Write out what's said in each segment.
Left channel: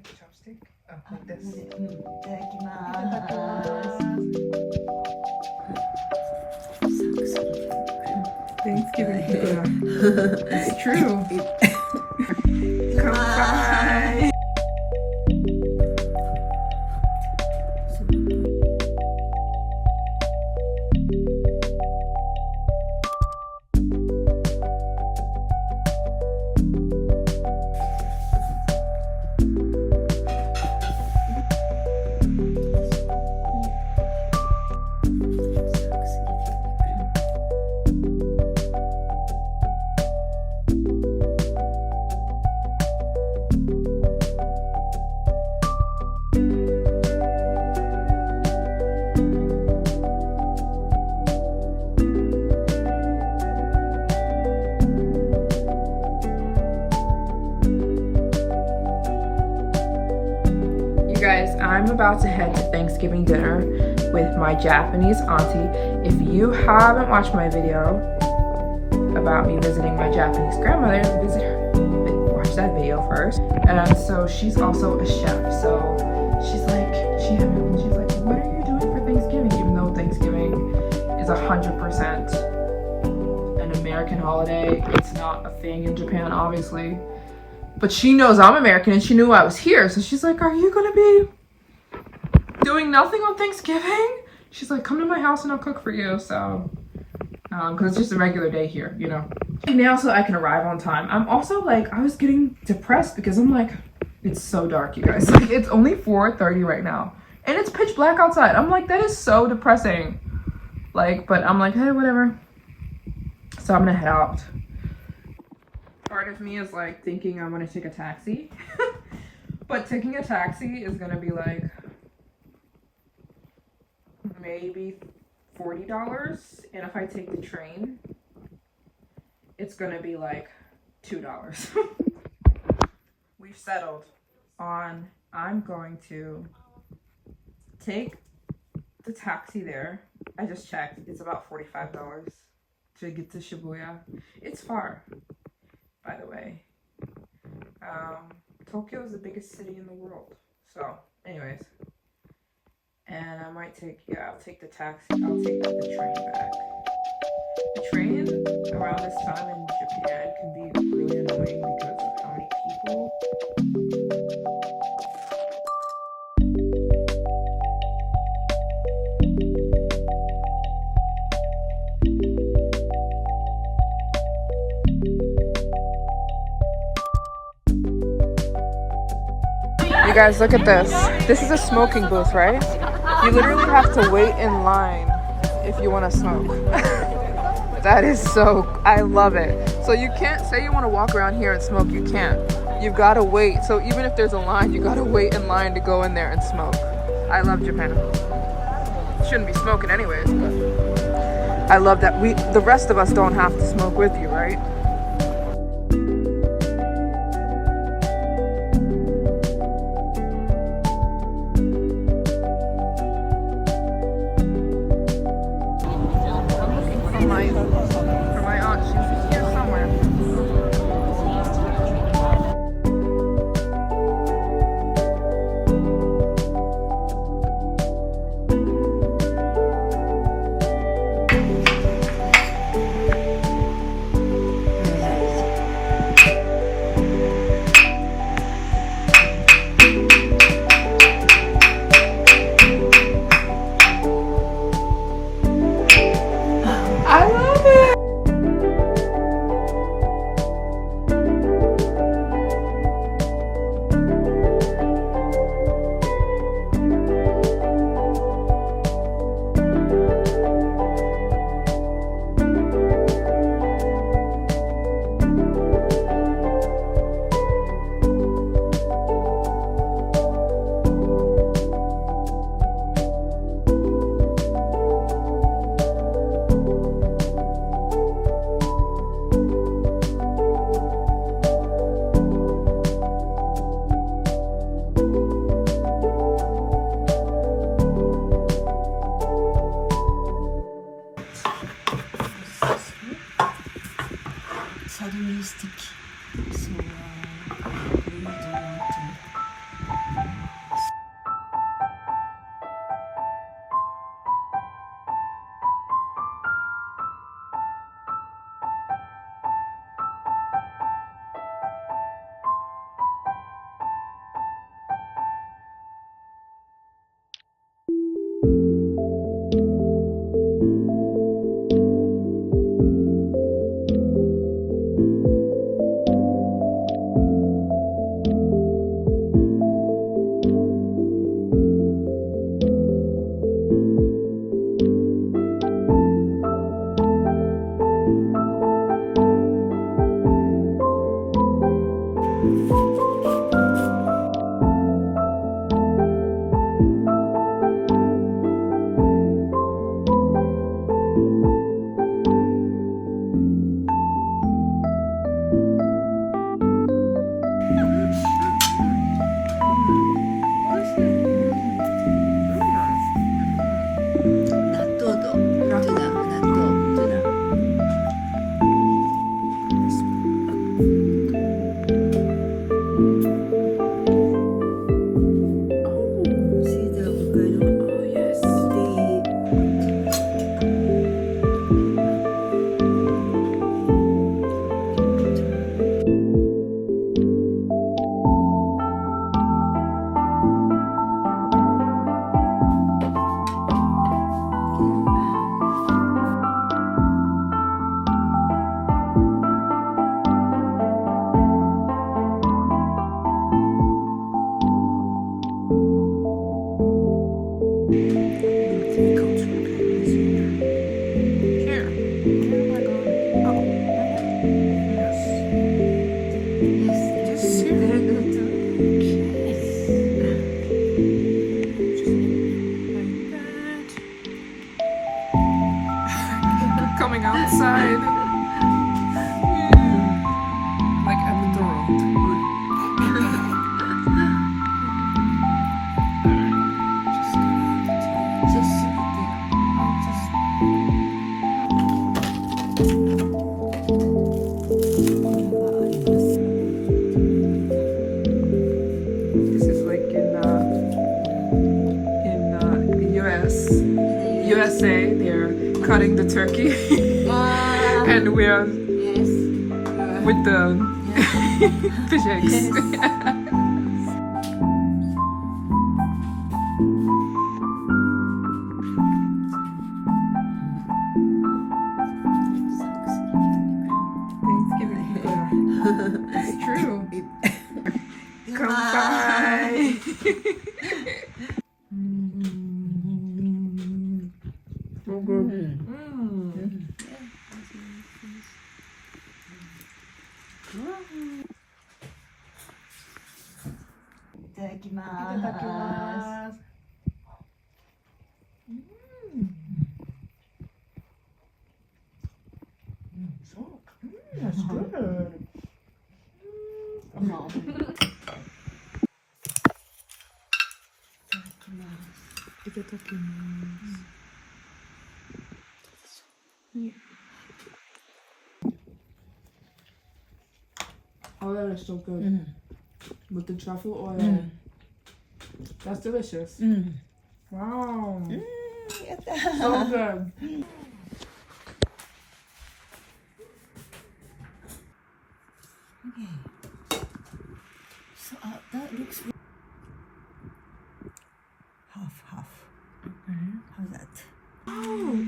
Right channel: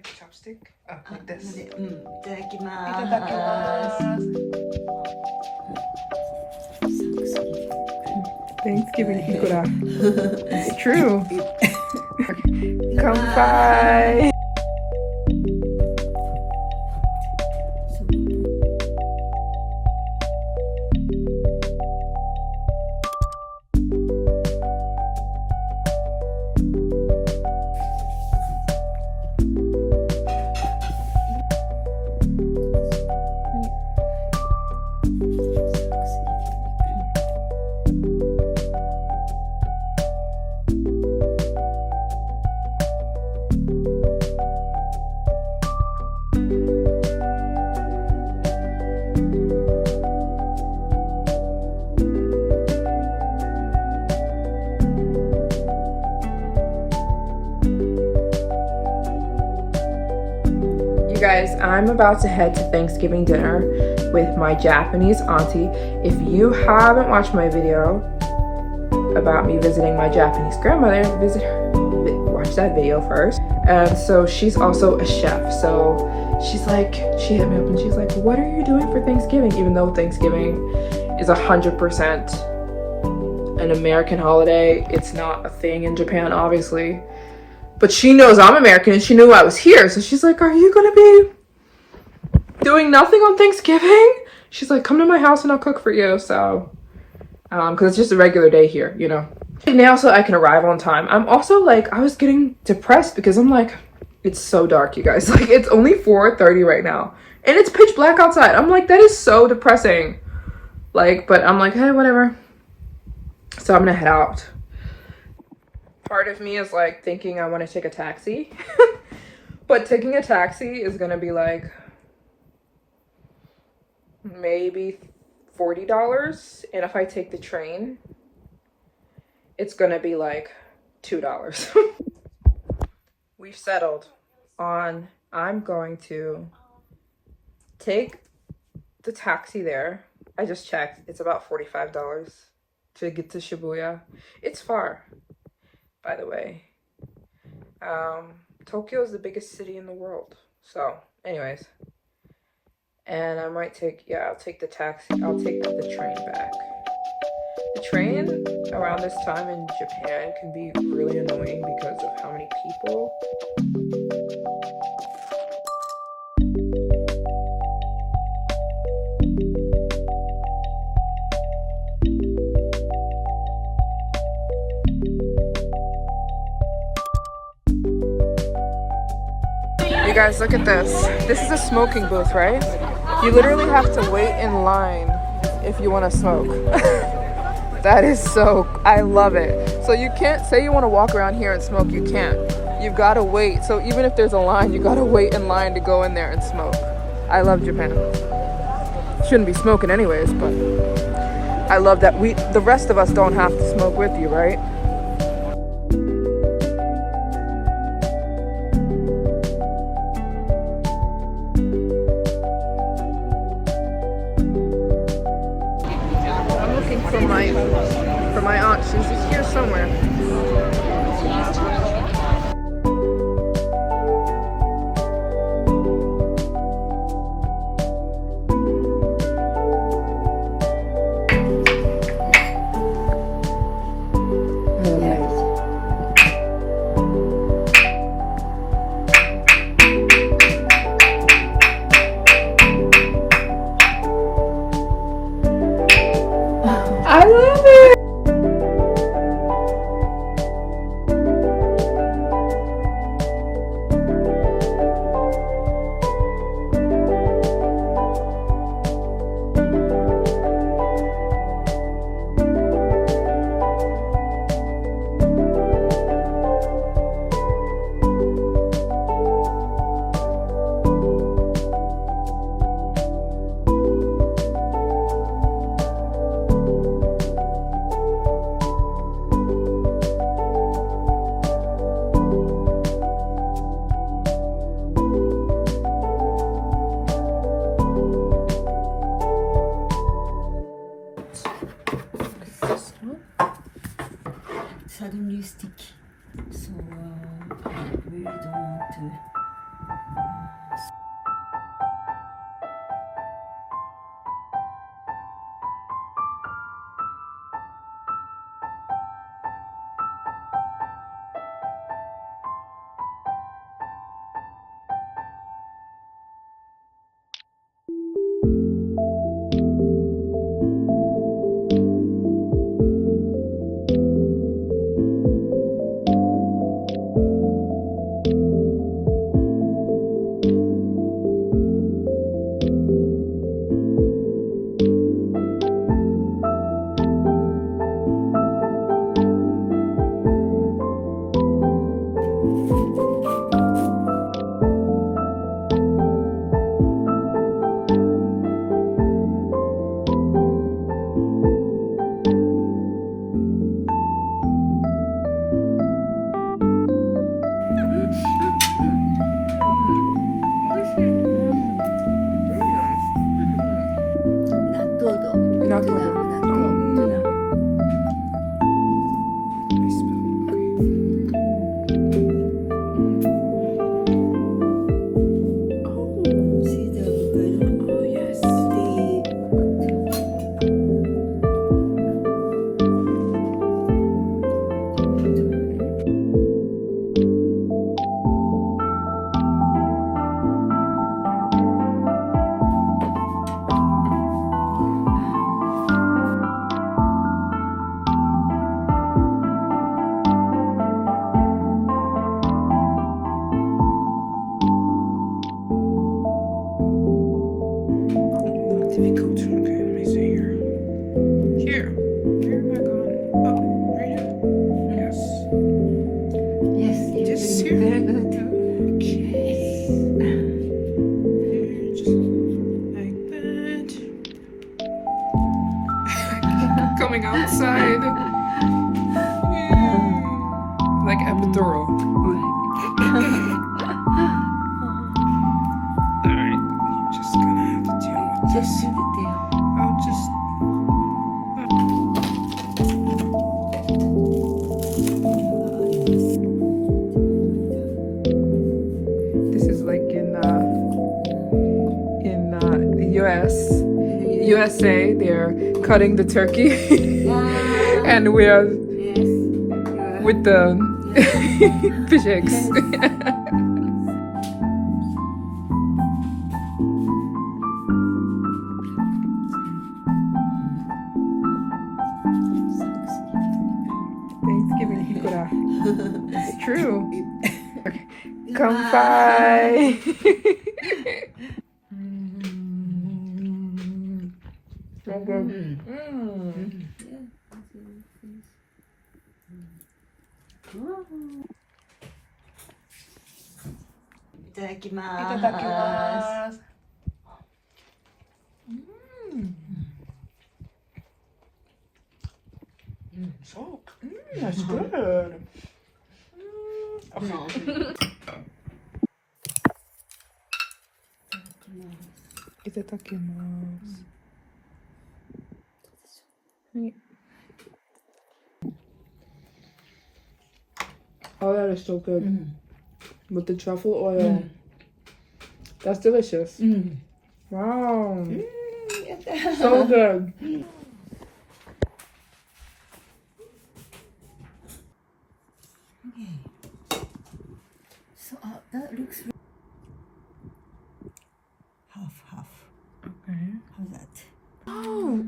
Like a chopstick? Oh, like this. いただきまいただきます。Thanksgiving ってこら。It's true. 乾杯。Guys, I'm about to head to Thanksgiving dinner with my Japanese auntie. If you haven't watched my video about me visiting my Japanese grandmother, watch that video first. And so she's also a chef. So she's like, she hit me up and she's like, what are you doing for Thanksgiving? Even though Thanksgiving is 100% an American holiday, it's not a thing in Japan, obviously. But she knows I'm American and she knew I was here. So she's like, are you gonna be doing nothing on Thanksgiving? She's like, come to my house and I'll cook for you. So, cause it's just a regular day here, you know. Now so I can arrive on time. I'm also like, I was getting depressed because I'm like, it's so dark, you guys. Like, it's only 4:30 right now. And it's pitch black outside. I'm like, that is so depressing. Like, but I'm like, hey, whatever. So I'm gonna head out. Part of me is like thinking I want to take a taxi, but taking a taxi is gonna be like maybe $40, and if I take the train, it's gonna be like $2. We've settled on I'm going to take the taxi there. I just checked, it's about $45 to get to Shibuya. It's far. By the way, Tokyo is the biggest city in the world. So, anyways, and I might take, I'll take the taxi. I'll take the train back. The train around this time in Japan can be really annoying because of how many people. You guys, look at this. This is a smoking booth, right? You literally have to wait in line if you want to smoke. That is so, I love it. So you can't say you want to walk around here and smoke, you can't. You've got to wait. So even if there's a line, you got to wait in line to go in there and smoke. I love Japan. Shouldn't be smoking anyways, but I love that the rest of us don't have to smoke with you, right? For my aunt, she's here somewhere. I love it. say they're cutting the turkey and we are with the fish eggs. Thanksgiving ikura. It's true. Kanpai. So good. Itadakimasu. That's good. Itadakimasu. Oh, that is so good. With the truffle oil. That's delicious. Wow. So good. Okay. So that looks half. Okay. How's that? Oh.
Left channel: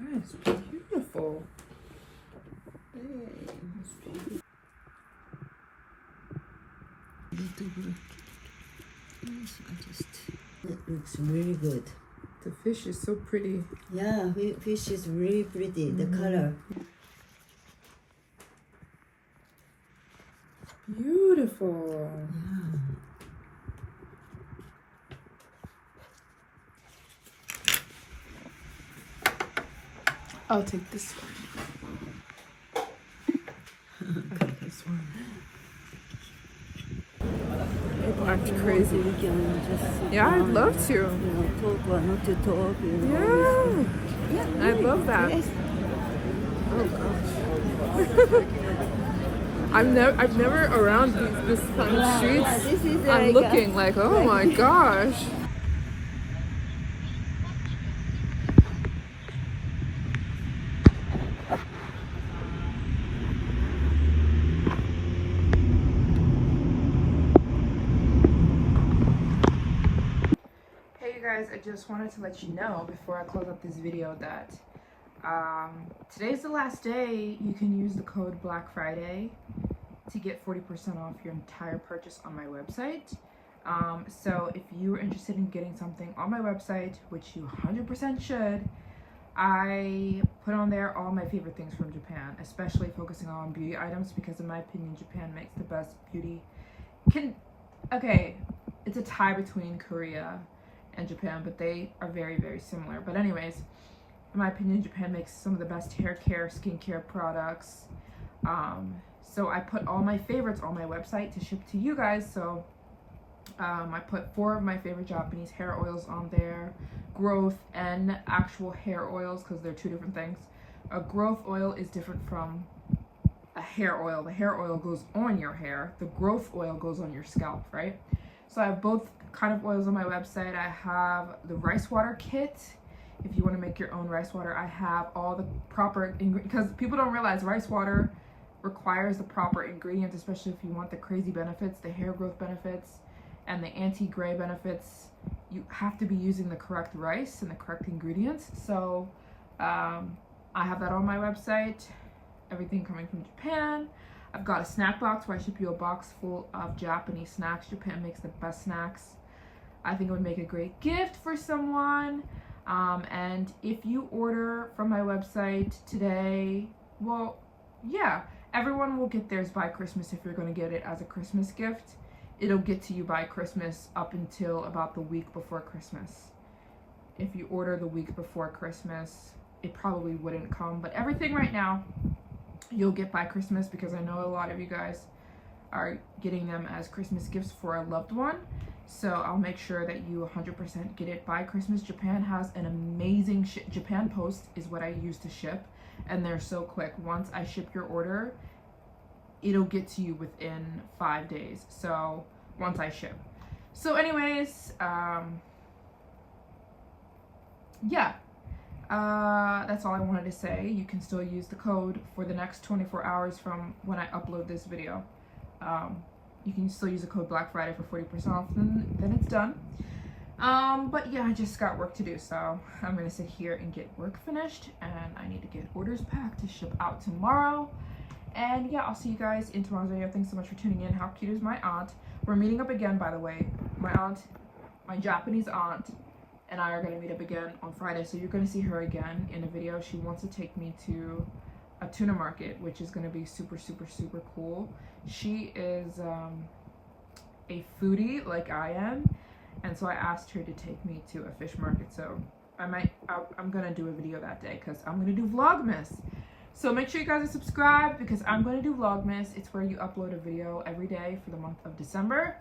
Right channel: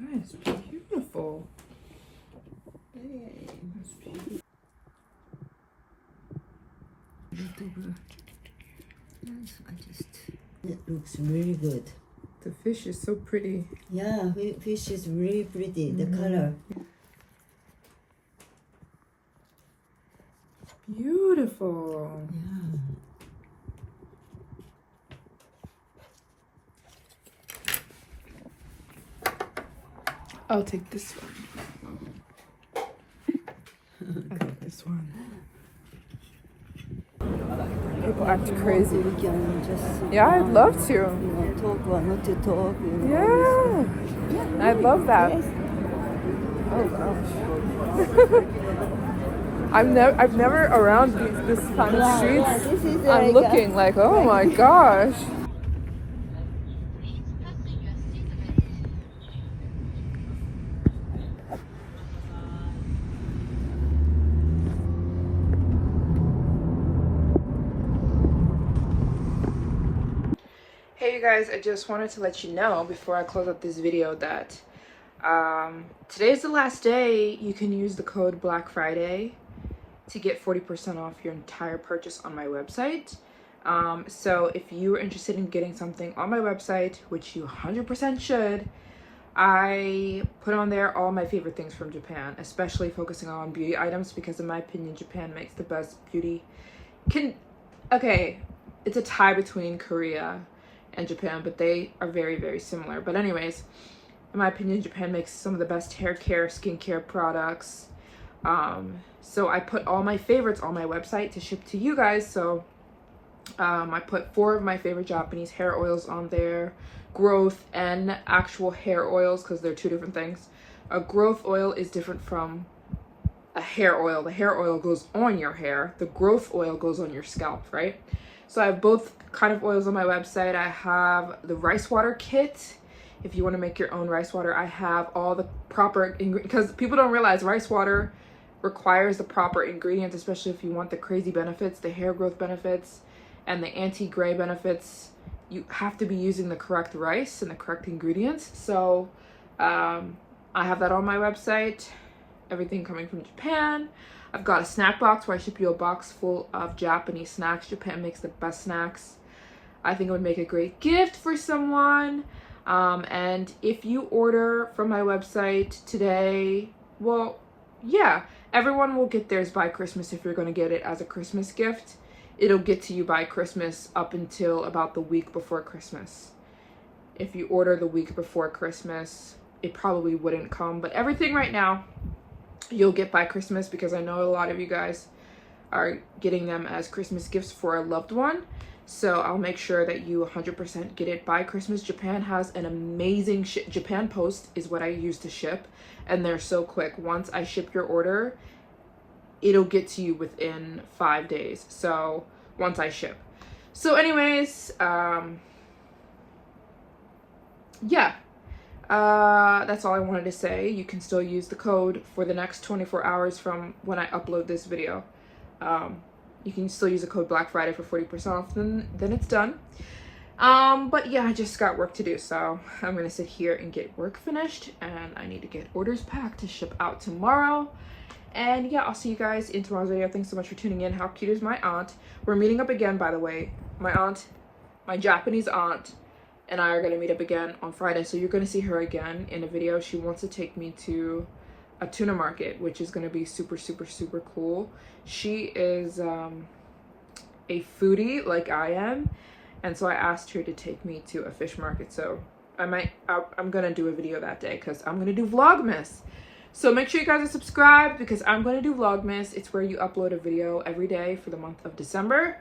That's beautiful. It looks really good. The fish is so pretty. Yeah, fish is really pretty. The color. Beautiful. Yeah. I'll take this one. I'll take this one. People act crazy. We can just sit Yeah, I'd down love and, to. Talk or not to talk. Yeah. Yeah, I'd love that. Yes. Oh gosh. I've never around this kind of streets. Yeah, this is I'm like looking like, oh my gosh. Hey you guys, I just wanted to let you know before I close up this video that today's the last day you can use the code Black Friday to get 40% off your entire purchase on my website. So if you are interested in getting something on my website, which you 100% should, I put on there all my favorite things from Japan, especially focusing on beauty items because in my opinion, Japan makes the best beauty. Okay, it's a tie between Korea and Japan, but they are very, very similar. But anyways, in my opinion, Japan makes some of the best hair care, skincare products. So I put all my favorites on my website to ship to you guys. So I put 4 of my favorite Japanese hair oils on there, growth and actual hair oils, because they're 2 different things. A growth oil is different from a hair oil. The hair oil goes on your hair. The growth oil goes on your scalp, right? So I have both kind of oils on my website. I have the rice water kit. If you want to make your own rice water, I have all the proper ingredients, because people don't realize rice water requires the proper ingredients, especially if you want the crazy benefits, the hair growth benefits and the anti-gray benefits. You have to be using the correct rice and the correct ingredients. So I have that on my website. Everything coming from Japan. I've got a snack box where I ship you a box full of Japanese snacks. Japan makes the best snacks. I think it would make a great gift for someone. And if you order from my website today, well, yeah, everyone will get theirs by Christmas. If you're going to get it as a Christmas gift, it'll get to you by Christmas up until about the week before Christmas. If you order the week before Christmas, it probably wouldn't come, but everything right now you'll get by Christmas, because I know a lot of you guys are getting them as Christmas gifts for a loved one. So I'll make sure that you 100% get it by Christmas. Japan has an amazing Japan Post is what I use to ship, and they're so quick. Once I ship your order, it'll get to you within 5 days. So once I ship. So anyways, yeah, that's all I wanted to say. You can still use the code for the next 24 hours from when I upload this video. You can still use the code Black Friday for 40% off, then it's done. But yeah, I just got work to do, so I'm gonna sit here and get work finished, and I need to get orders packed to ship out tomorrow. And yeah, I'll see you guys in tomorrow's video. Thanks so much for tuning in. How cute is my aunt? We're meeting up again, by the way. My aunt, my Japanese aunt, and I are gonna meet up again on Friday, so you're gonna see her again in a video. She wants to take me to a tuna market, which is gonna be super, super, super cool. She is a foodie like I am, and so I asked her to take me to a fish market. So I'm gonna do a video that day because I'm gonna do Vlogmas. So make sure you guys are subscribed because I'm gonna do Vlogmas. It's where you upload a video every day for the month of December.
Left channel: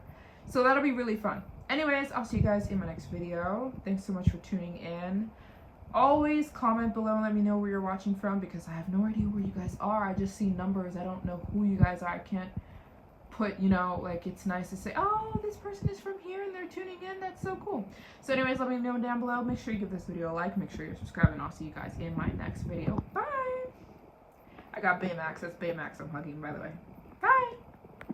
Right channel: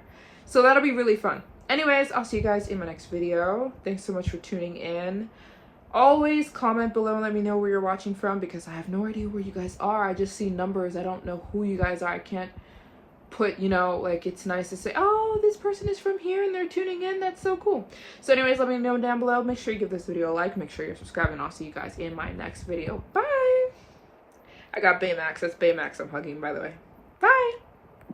So that'll be really fun. Anyways, I'll see you guys in my next video. Thanks so much for tuning in. Always comment below and let me know where you're watching from because I have no idea where you guys are. I just see numbers. I don't know who you guys are. I can't put, you know, like, it's nice to say, oh, this person is from here and they're tuning in. That's so cool. So anyways, let me know down below. Make sure you give this video a like. Make sure you're subscribed, and I'll see you guys in my next video. Bye. I got Baymax. That's Baymax I'm hugging, by the way. Bye.